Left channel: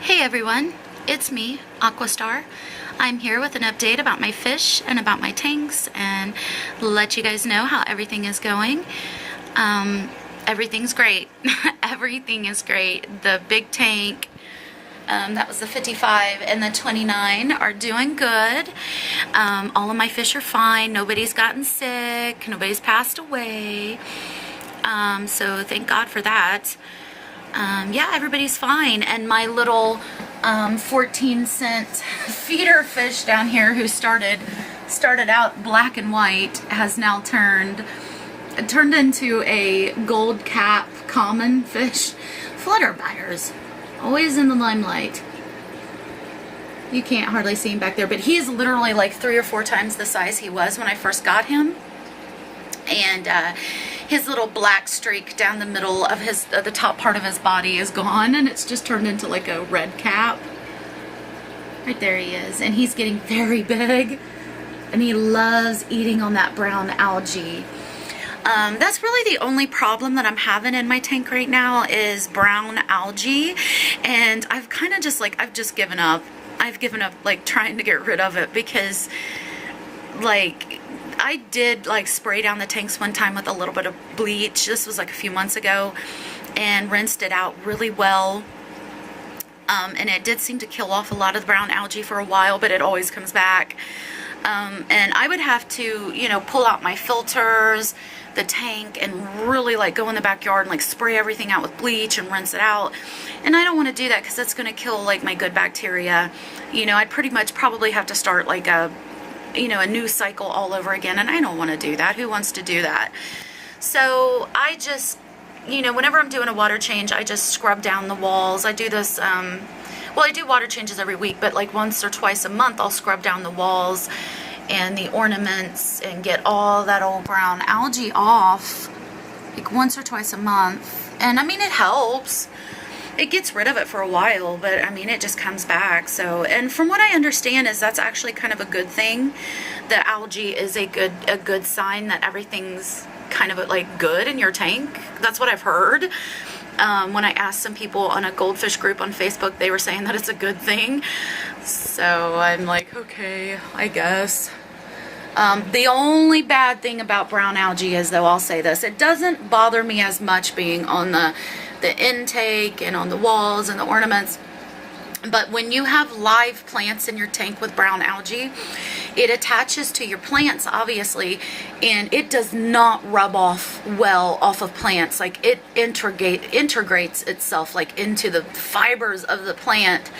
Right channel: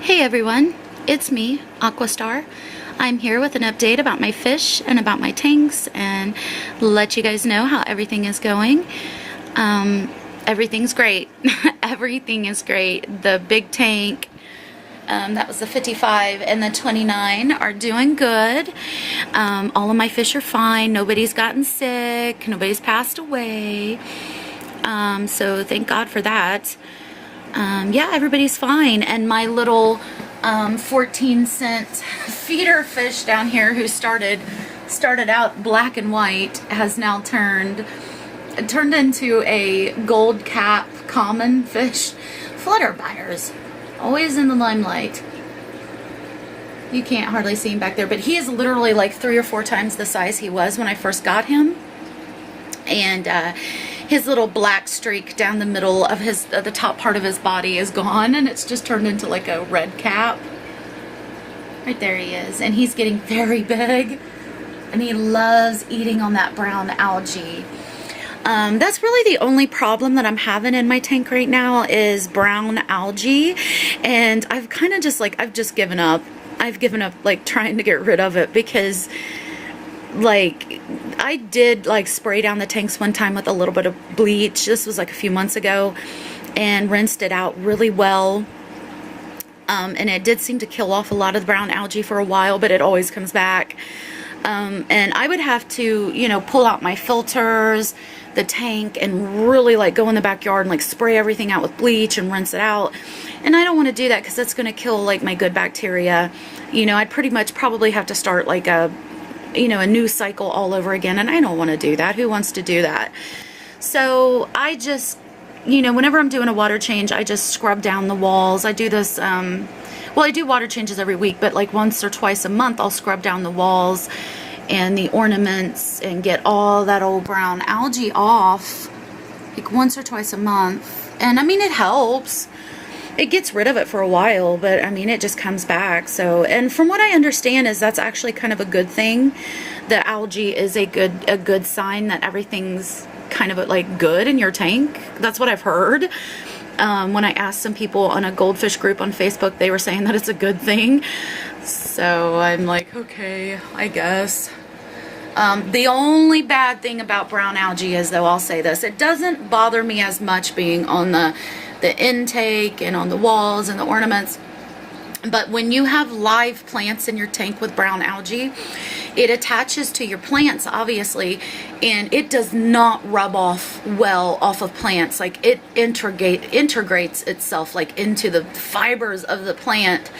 Hey everyone, it's me, Aquastar. I'm here with an update about my fish and about my tanks and let you guys know how everything is going. Everything's great. Everything is great. The big tank, that was the 55, and the 29 are doing good. All of my fish are fine. Nobody's gotten sick. Nobody's passed away. So thank God for that. Yeah, everybody's fine. And my little 14-cent feeder fish down here who started out black and white has now turned into a gold cap common fish. Flutterbuyers, always in the limelight. You can't hardly see him back there, but he is literally like 3 or 4 times the size he was when I first got him. And his little black streak down the middle of the top part of his body is gone, and it's just turned into like a red cap. Right there he is, and he's getting very big, and he loves eating on that brown algae. That's really the only problem that I'm having in my tank right now is brown algae, and I've kind of just I've just given up. I've given up like trying to get rid of it because like I did like spray down the tanks one time with a little bit of bleach. This was like a few months ago, and rinsed it out really well. And it did seem to kill off a lot of the brown algae for a while, but it always comes back. And I would have to, you know, pull out my filters, the tank, and really like go in the backyard and like spray everything out with bleach and rinse it out. And I don't want to do that because that's going to kill like my good bacteria. You know, I'd pretty much probably have to start like a new cycle all over again, and I don't want to do that. Who wants to do that? So I just, whenever I'm doing a water change, I just scrub down the walls. I do this, well, I do water changes every week, but like once or twice a month, I'll scrub down the walls and the ornaments and get all that old brown algae off, like once or twice a month. And I mean, it helps. It gets rid of it for a while, but I mean, it just comes back. So, and from what I understand is that's actually kind of a good thing. The algae is a good sign that everything's kind of like good in your tank. That's what I've heard. When I asked some people on a goldfish group on Facebook, they were saying that it's a good thing. So I'm like, okay, I guess. The only bad thing about brown algae is, though, I'll say this, it doesn't bother me as much being on the intake and on the walls and the ornaments. But when you have live plants in your tank with brown algae, it attaches to your plants, obviously, and it does not rub off well off of plants. Like it integrates itself like into the fibers of the plant,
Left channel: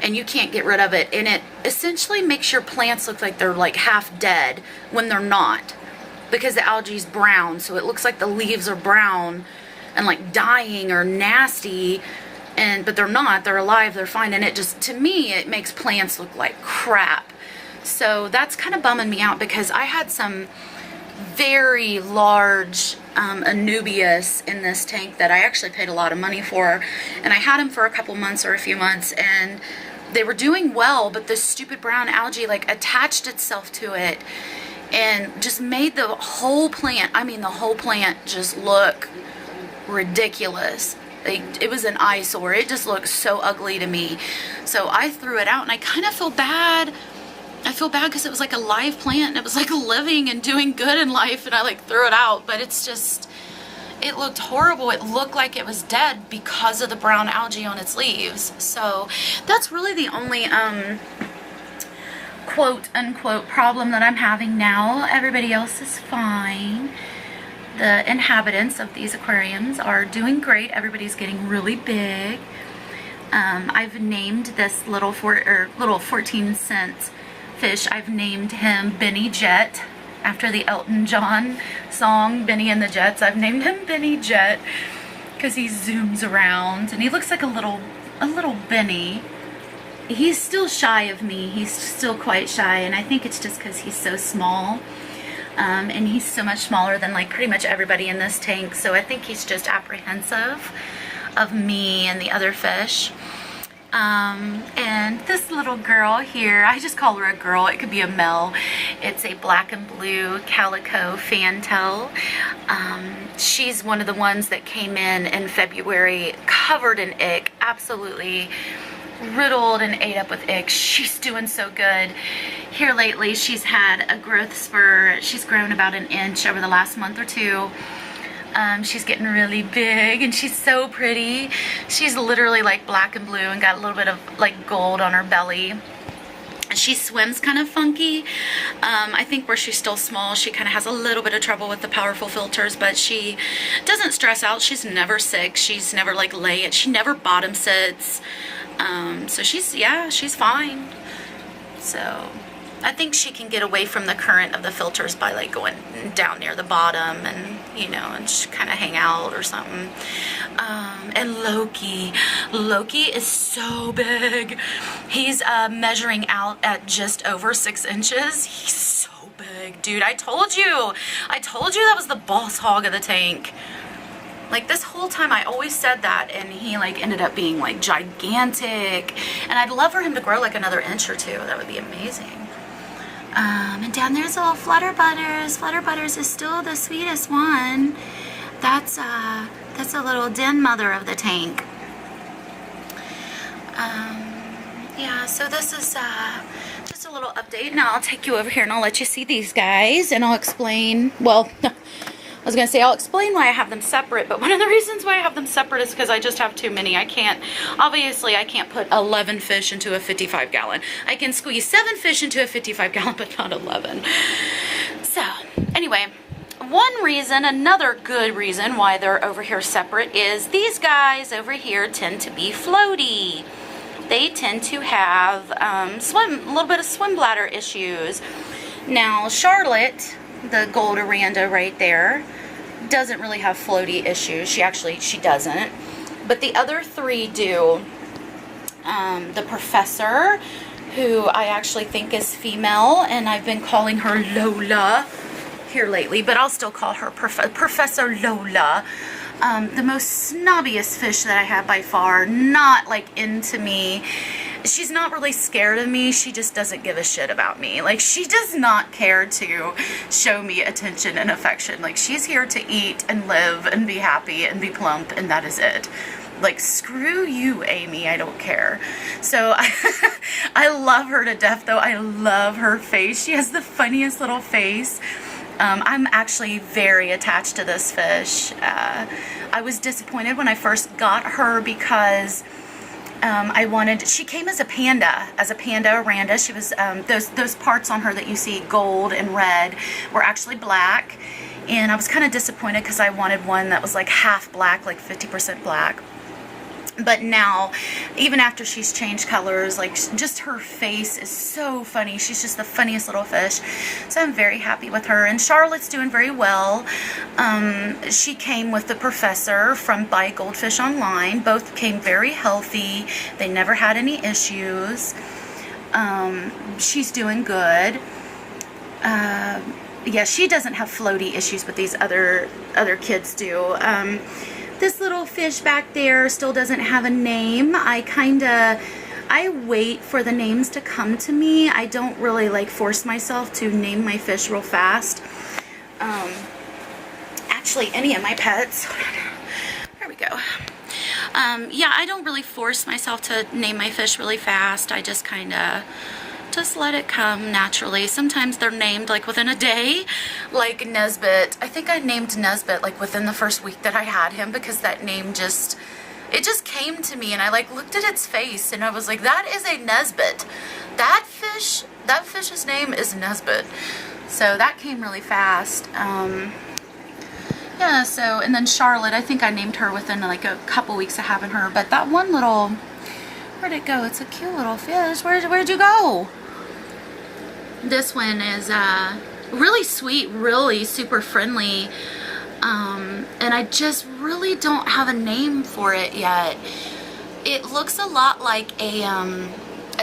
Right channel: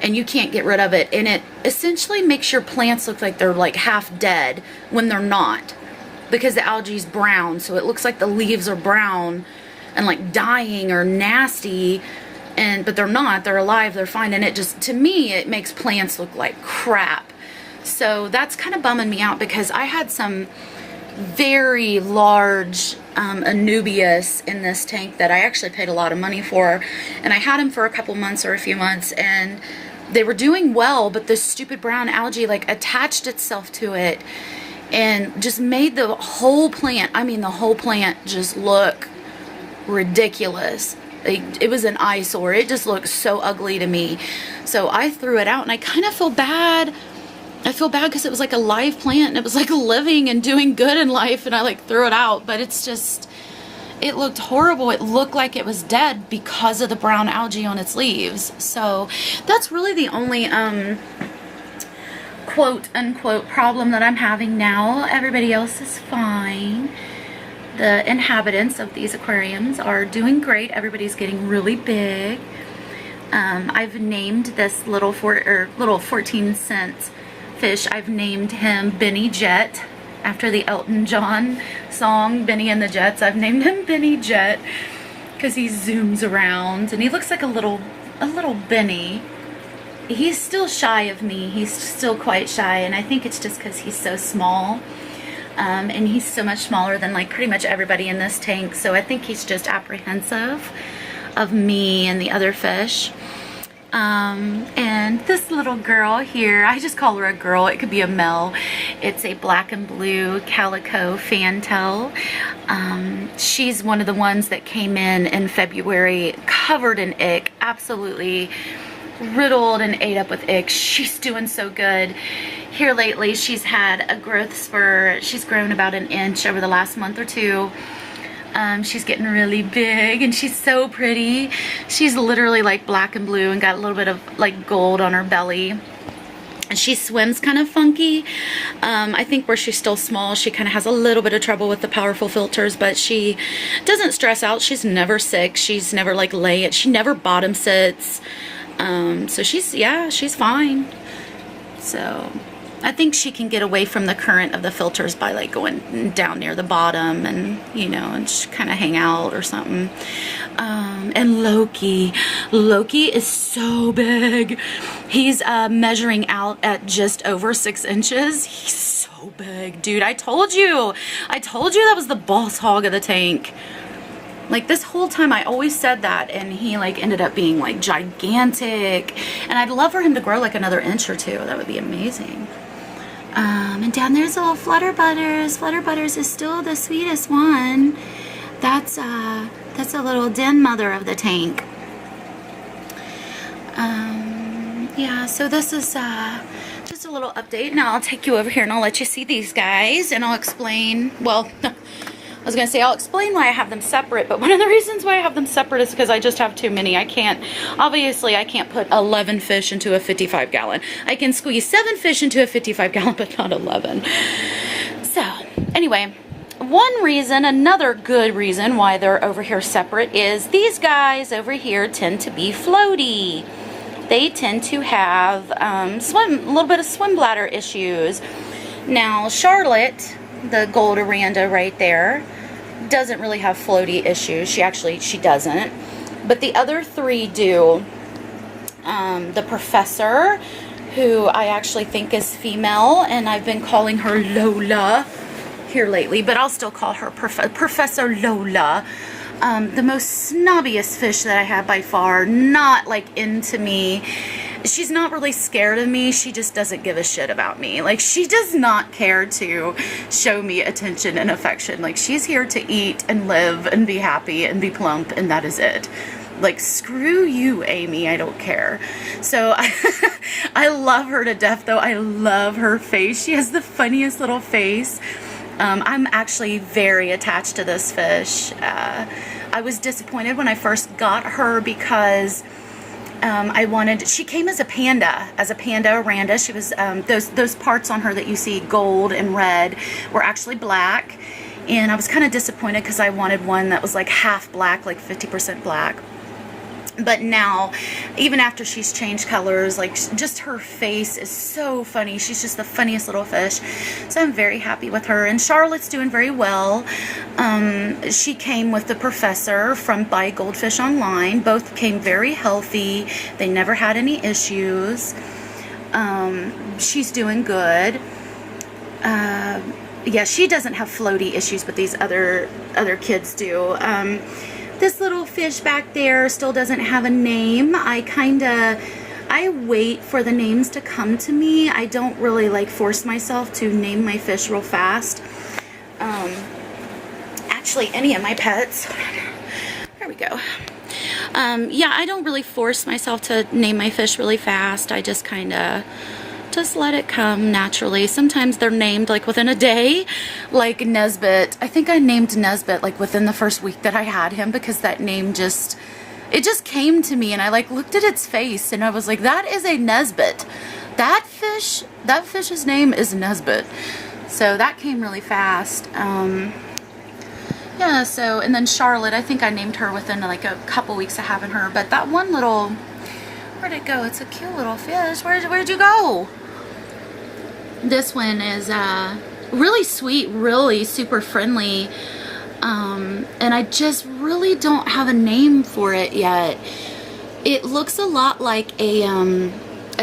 and you can't get rid of it. And it essentially makes your plants look like they're like half dead when they're not, because the algae is brown. So it looks like the leaves are brown and like dying or nasty, but they're not. They're alive, they're fine. And it just, to me, it makes plants look like crap. So that's kind of bumming me out, because I had some very large Anubias in this tank that I actually paid a lot of money for, and I had them for a couple months or a few months, and they were doing well, but this stupid brown algae like attached itself to it and just made the whole plant, I mean the whole plant, just look ridiculous. It was an eyesore. It just looked so ugly to me. So I threw it out, and I kind of feel bad. I feel bad because it was like a live plant, and it was like living and doing good in life, and I like threw it out. But it's just, it looked horrible. It looked like it was dead because of the brown algae on its leaves. So that's really the only quote unquote problem that I'm having now. Everybody else is fine. The inhabitants of these aquariums are doing great. Everybody's getting really big. I've named this little 14-cent fish, I've named him Benny Jet, after the Elton John song Benny and the Jets. I've named him Benny Jet because he zooms around and he looks like a little Benny. He's still shy of me. He's still quite shy, and I think it's just because he's so small. And he's so much smaller than like pretty much everybody in this tank, so I think he's just apprehensive of me and the other fish. And this little girl here, I just call her a girl, it could be a male. It's a black and blue calico fantail. She's one of the ones that came in February covered in ick, absolutely riddled and ate up with ick. She's doing so good. Here lately, she's had a growth spurt. She's grown about an inch over the last month or two. She's getting really big, and she's so pretty. She's literally like black and blue and got a little bit of like gold on her belly. And she swims kind of funky. I think where she's still small, she kind of has a little bit of trouble with the powerful filters, but she doesn't stress out. She's never sick. She's never like laying. She never bottom sits. So she's fine. So I think she can get away from the current of the filters by like going down near the bottom and, you know, and just kind of hang out or something. And Loki is so big. He's measuring out at just over 6 inches. He's so big, dude. I told you that was the boss hog of the tank. Like this whole time I always said that, and he like ended up being like gigantic. And I'd love for him to grow like another inch or two. That would be amazing. And down there's little Flutter Butters. Flutter Butters is still the sweetest one. That's a little den mother of the tank. Yeah, so this is just a little update. Now I'll take you over here and I'll let you see these guys, and I'll explain, well, I was going to say I'll explain why I have them separate, but one of the reasons why I have them separate is because I just have too many. Obviously I can't put 11 fish into a 55 gallon. I can squeeze 7 fish into a 55 gallon, but not 11. So, anyway, another good reason why they're over here separate is these guys over here tend to be floaty. They tend to have a little bit of swim bladder issues. Now, Charlotte, the gold Aranda right there, doesn't really have floaty issues. She doesn't. But the other 3 do. The Professor, who I actually think is female, and I've been calling her Lola here lately, but I'll still call her Professor Lola. The most snobbiest fish that I have by far, not like into me. She's not really scared of me. She just doesn't give a shit about me. Like, she does not care to show me attention and affection. Like, she's here to eat and live and be happy and be plump, and that is it. Like, screw you, Amy. I don't care. So I love her to death, though. I love her face. She has the funniest little face. I'm actually very attached to this fish. I was disappointed when I first got her because she came as a panda Aranda. She was, those parts on her that you see gold and red were actually black. And I was kind of disappointed because I wanted one that was like half black, like 50% black. But now, even after she's changed colors, like, just her face is so funny. She's just the funniest little fish. So I'm very happy with her. And Charlotte's doing very well. She came with the Professor by Goldfish Online. Both came very healthy. They never had any issues. She's doing good. Yeah, she doesn't have floaty issues, but these other kids do. This little fish back there still doesn't have a name. I wait for the names to come to me. I don't really like force myself to name my fish real fast. Actually, any of my pets. There we go. Yeah, I don't really force myself to name my fish really fast. I just just let it come naturally. Sometimes they're named like within a day, like Nesbit. I think I named Nesbit like within the first week that I had him, because that name just came to me, and I like looked at its face and I was like, that is a Nesbit. That fish's name is Nesbit. So that came really fast. Yeah, so, and then Charlotte, I think I named her within like a couple weeks of having her, but that one little, where'd it go? It's a cute little fish. Where'd you go? This one is really sweet, really super friendly, and I just really don't have a name for it yet. It looks a lot like a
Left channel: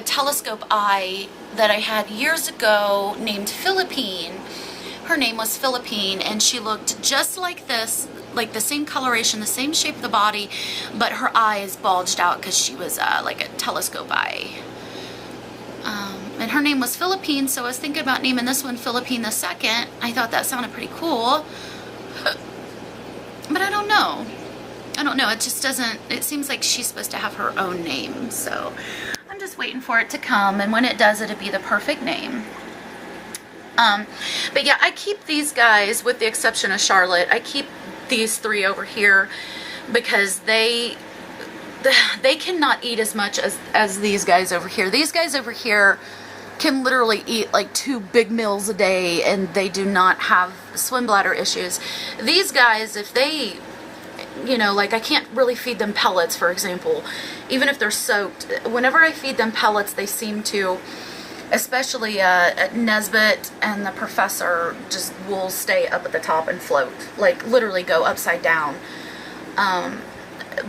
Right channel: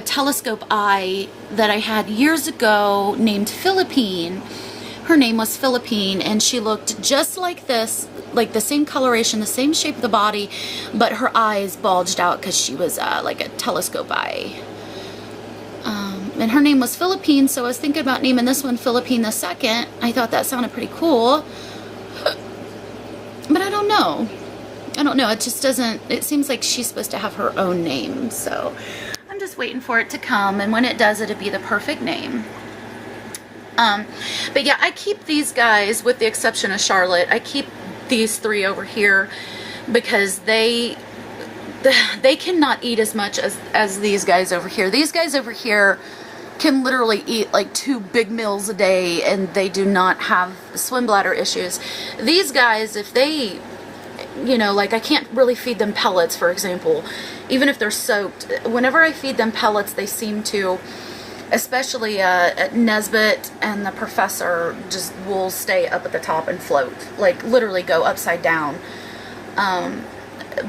telescope eye that I had years ago named Philippine. Her name was Philippine, and she looked just like this, like the same coloration, the same shape of the body, but her eyes bulged out because she was like a telescope eye. And her name was Philippine, so I was thinking about naming this one Philippine the Second. I thought that sounded pretty cool, but I don't know. I don't know, it just doesn't, it seems like she's supposed to have her own name, so I'm just waiting for it to come, and when it does, it'll be the perfect name. But yeah, I keep these guys, with the exception of Charlotte, I keep these 3 over here because they cannot eat as much as these guys over here. These guys over here can literally eat like 2 big meals a day, and they do not have swim bladder issues. These guys, if they, you know, like I can't really feed them pellets, for example, even if they're soaked. Whenever I feed them pellets, they seem to, especially Nesbit and the professor, just will stay up at the top and float, like literally go upside down.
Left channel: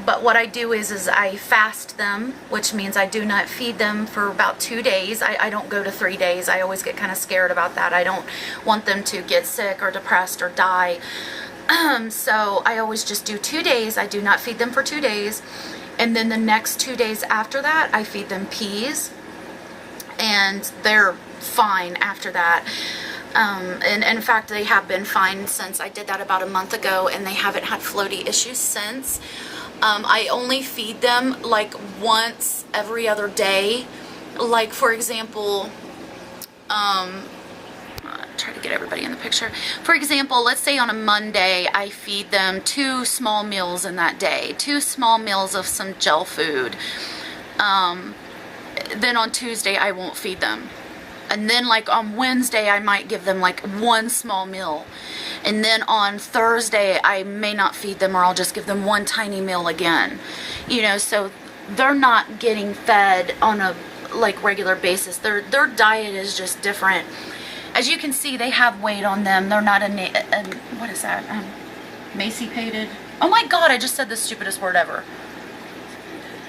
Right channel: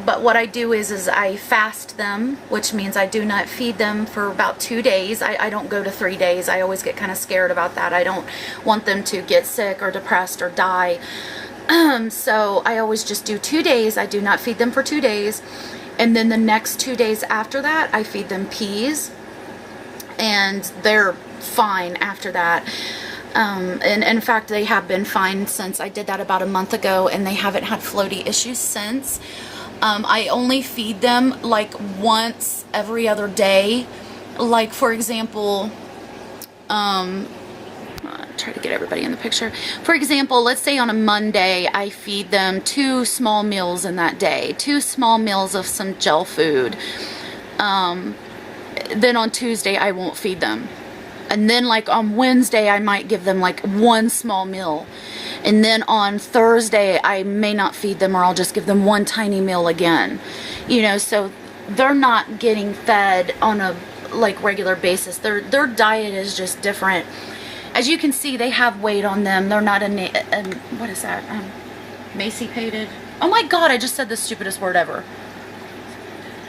But what I do is I fast them, which means I do not feed them for about 2 days. I don't go to 3 days. I always get kind of scared about that. I don't want them to get sick or depressed or die. So I always just do 2 days. I do not feed them for 2 days. And then the next 2 days after that, I feed them peas. And they're fine after that. And in fact, they have been fine since I did that about a month ago, and they haven't had floaty issues since. I only feed them like once every other day. Like, for example, try to get everybody in the picture. For example, let's say on a Monday, I feed them 2 small meals in that day. 2 small meals of some gel food. Then on Tuesday, I won't feed them. And then like on Wednesday, I might give them like 1 small meal. And then on Thursday, I may not feed them, or I'll just give them 1 tiny meal again. You know, so they're not getting fed on a like regular basis. Their diet is just different. As you can see, they have weight on them. They're not what is that? Emaciated. Oh my God, I just said the stupidest word ever.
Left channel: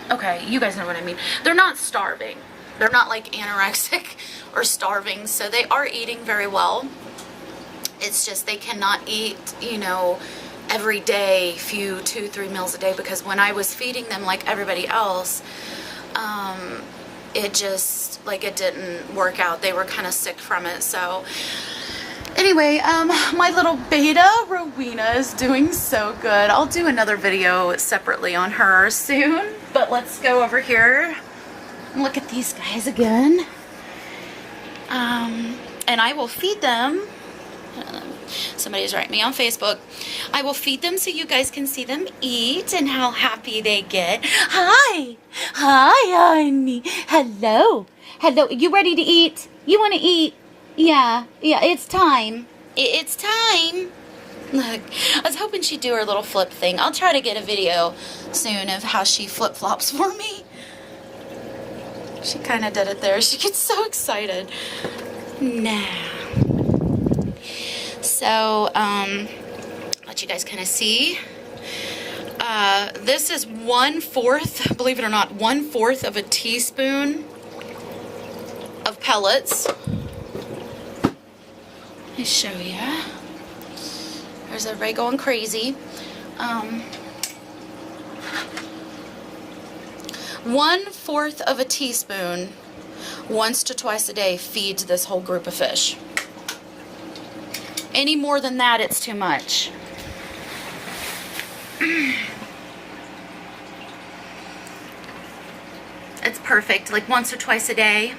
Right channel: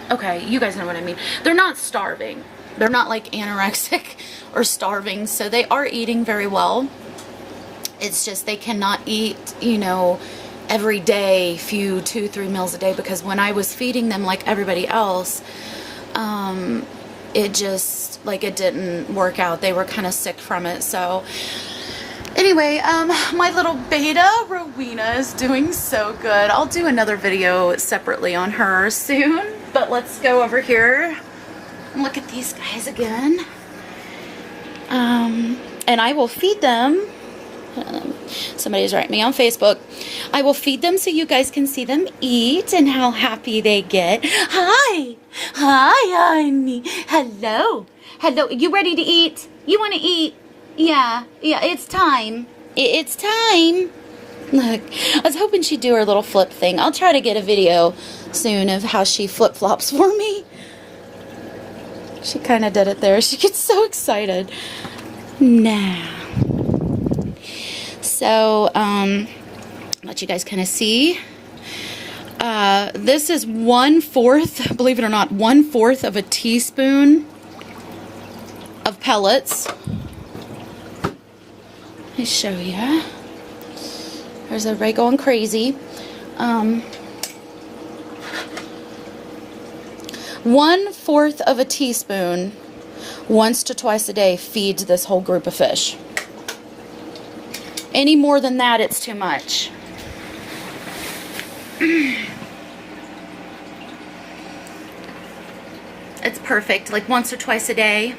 Okay, you guys know what I mean. They're not starving. They're not like anorexic or starving, so they are eating very well. It's just they cannot eat, you know, every day, 2-3 meals a day, because when I was feeding them like everybody else, it just, like, it didn't work out. They were kind of sick from it. So anyway, my little beta, Rowena, is doing so good. I'll do another video separately on her soon, but let's go over here and look at these guys again. And I will feed them. Somebody's writing me on Facebook. I will feed them so you guys can see them eat and how happy they get. Hi, honey. Hello. You ready to eat? You want to eat? Yeah, it's time. It's time. Look, I was hoping she'd do her little flip thing. I'll try to get a video soon of how she flip-flops for me. She kind of did it there. She gets so excited. Now. So, let you guys kind of see. This is 1/4, believe it or not, 1/4 of a teaspoon of pellets. Let me show you. There's everybody going crazy. 1/4 of a teaspoon, once to twice a day, feeds this whole group of fish. Any more than that, it's too much. It's perfect, like once or twice a day.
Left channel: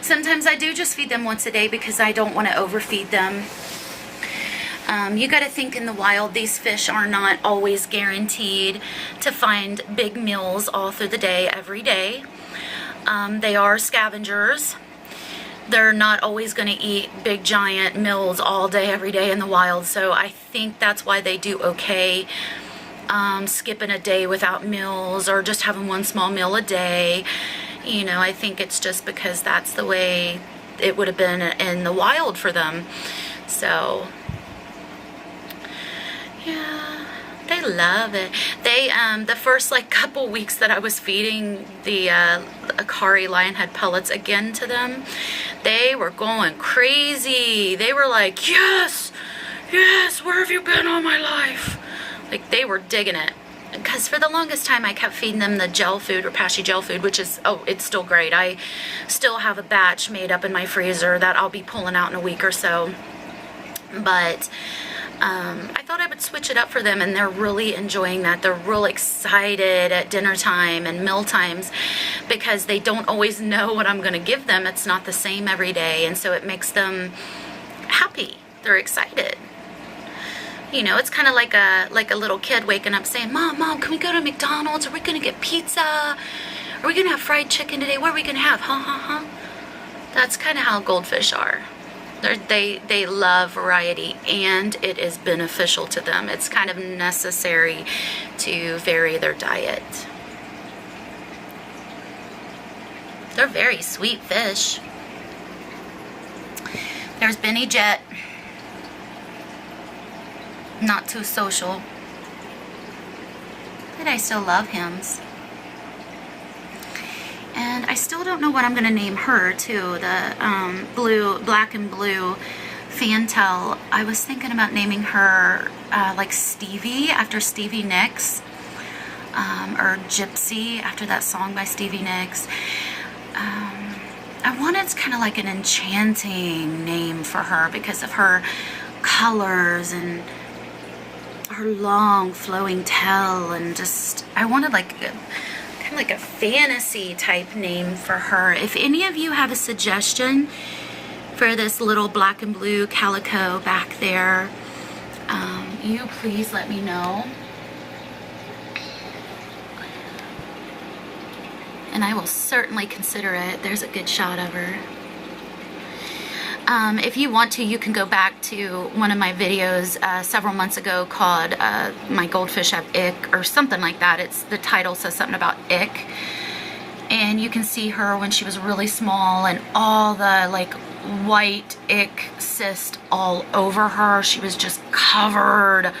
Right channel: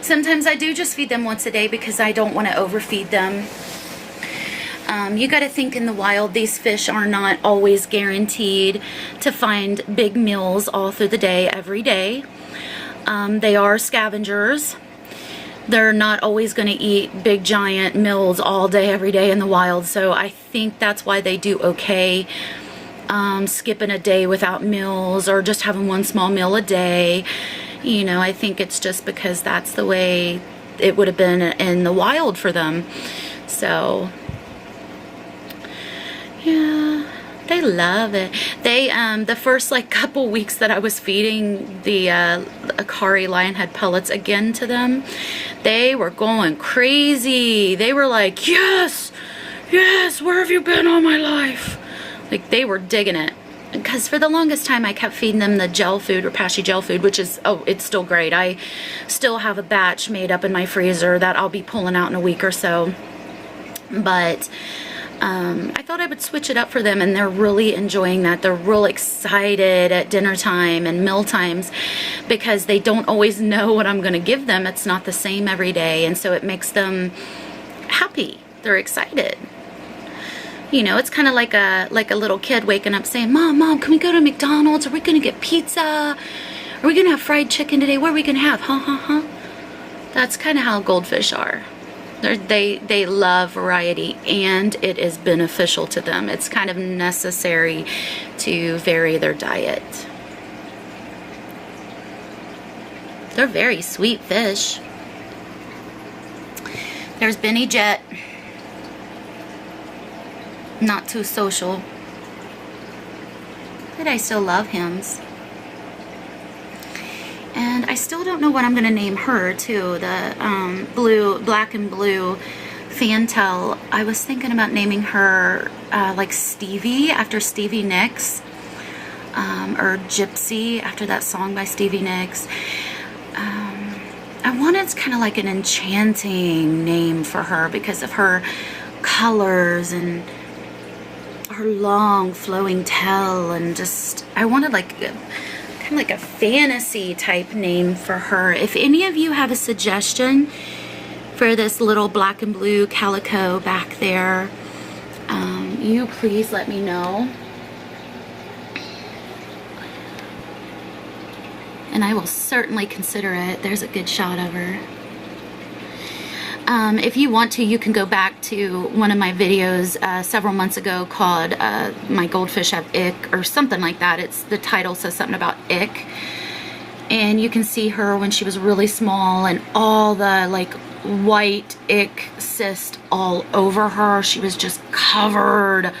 Sometimes I do just feed them once a day because I don't want to overfeed them. You got to think, in the wild, these fish are not always guaranteed to find big meals all through the day, every day. They are scavengers. They're not always going to eat big giant meals all day, every day in the wild. So I think that's why they do okay skipping a day without meals, or just having 1 small meal a day. You know, I think it's just because that's the way it would have been in the wild for them. So, yeah, they love it. They, the first like couple weeks that I was feeding the Akari lionhead pellets again to them, they were going crazy. They were like, yes, where have you been all my life? Like, they were digging it. Because for the longest time, I kept feeding them the gel food, or Pashy gel food, which is, oh, it's still great. I still have a batch made up in my freezer that I'll be pulling out in a week or so. But I thought I would switch it up for them, and they're really enjoying that. They're real excited at dinner time and meal times because they don't always know what I'm going to give them. It's not the same every day, and so it makes them happy. They're excited. You know, it's kind of like a little kid waking up saying, Mom, can we go to McDonald's? Are we going to get pizza? Are we going to have fried chicken today? What are we going to have? Huh? That's kind of how goldfish are. They love variety, and it is beneficial to them. It's kind of necessary to vary their diet. They're very sweet fish. There's Benny Jet. Not too social, but I still love him. And I still don't know what I'm going to name her, too. The black and blue fantail. I was thinking about naming her like Stevie, after Stevie Nicks. Or Gypsy, after that song by Stevie Nicks. I wanted kind of like an enchanting name for her because of her colors and her long flowing tail, and just I wanted like kind of like a fantasy type name for her. If any of you have a suggestion for this little black and blue calico back there, you please let me know, and I will certainly consider it. There's a good shot of her. If you want to, you can go back to one of my videos several months ago called My Goldfish Have Ick, or something like that. The title says something about ick. And you can see her when she was really small and all the like white ick cyst all over her. She was just covered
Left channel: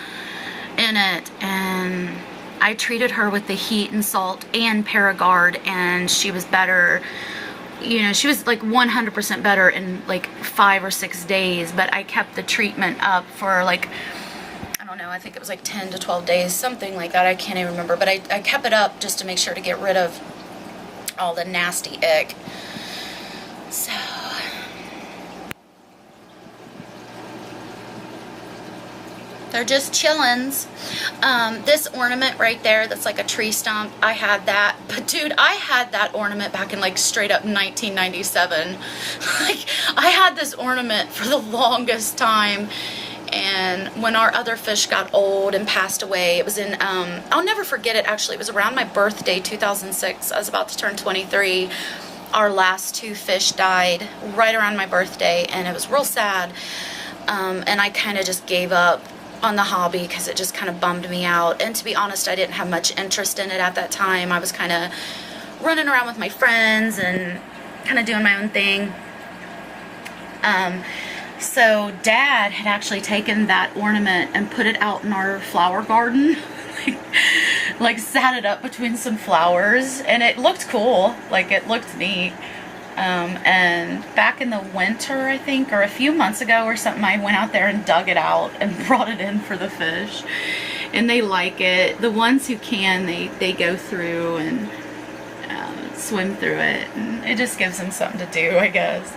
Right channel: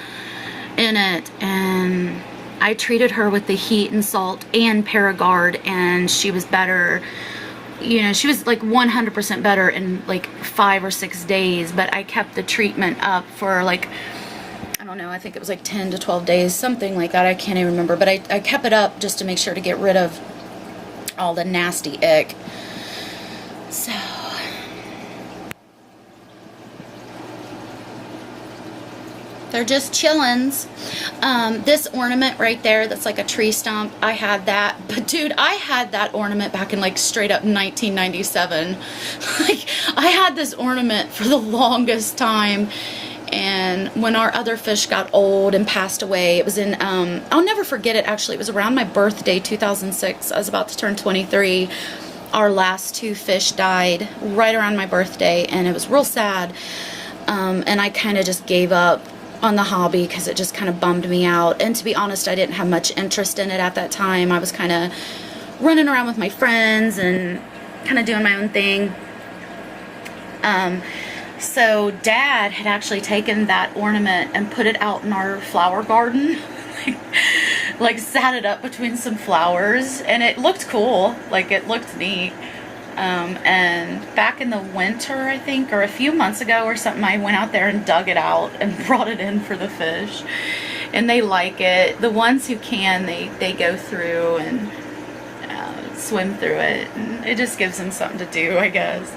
in it. And I treated her with the heat and salt and Paragard, and she was better. You know, she was like 100% better in like 5 or 6 days, but I kept the treatment up for like, I don't know, I think it was like 10 to 12 days, something like that. I can't even remember, but I kept it up just to make sure to get rid of all the nasty ick. So, they're just chillins. This ornament right there that's like a tree stump, I had that. But dude, I had that ornament back in like straight up 1997. Like, I had this ornament for the longest time. And when our other fish got old and passed away, it was in, I'll never forget it actually. It was around my birthday, 2006. I was about to turn 23. Our last 2 fish died right around my birthday, and it was real sad. And I kind of just gave up on the hobby because it just kind of bummed me out. And to be honest, I didn't have much interest in it at that time. I was kind of running around with my friends and kind of doing my own thing. So Dad had actually taken that ornament and put it out in our flower garden. like sat it up between some flowers, and it looked cool. Like, it looked neat. And back in the winter, I think, or a few months ago or something, I went out there and dug it out and brought it in for the fish. And they like it. The ones who can, they go through and swim through it. And it just gives them something to do, I guess.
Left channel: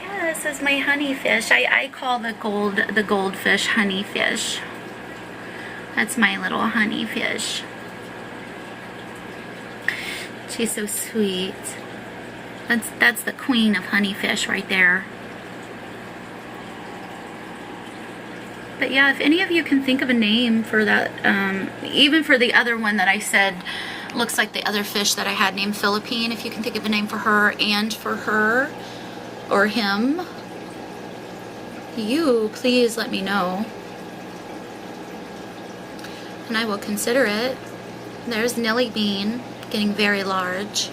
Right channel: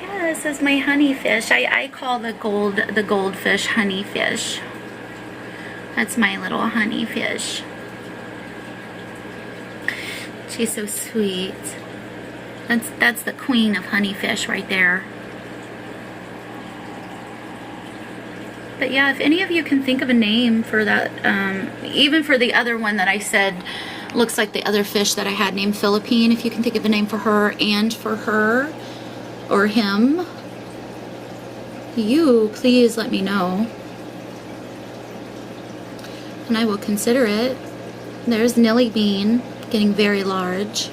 Yeah, this is my honey fish. I call the goldfish honey fish. That's my little honey fish. She's so sweet. That's the queen of honeyfish right there. But yeah, if any of you can think of a name for that, even for the other one that I said looks like the other fish that I had named Philippine, if you can think of a name for her and for her or him, you please let me know. And I will consider it. There's Nelly Bean. Getting very large,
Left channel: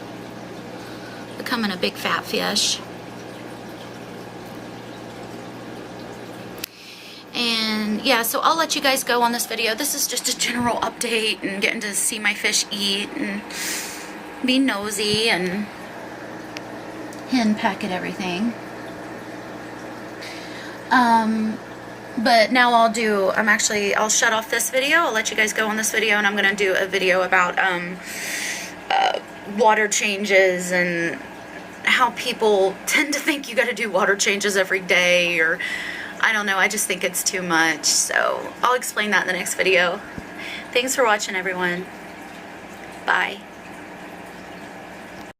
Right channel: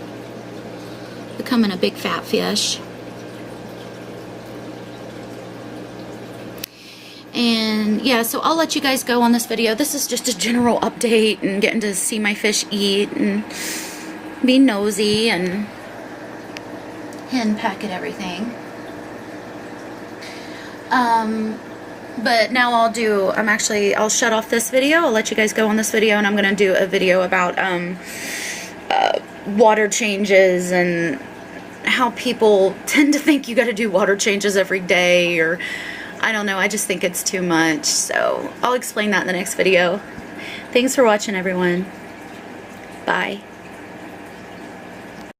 becoming a big fat fish. And yeah, so I'll let you guys go on this video. This is just a general update and getting to see my fish eat and be nosy and hen peck at everything. But now I'll shut off this video. I'll let you guys go on this video, and I'm going to do a video about water changes and how people tend to think you got to do water changes every day, or I don't know, I just think it's too much. So I'll explain that in the next video. Thanks for watching, everyone. Bye.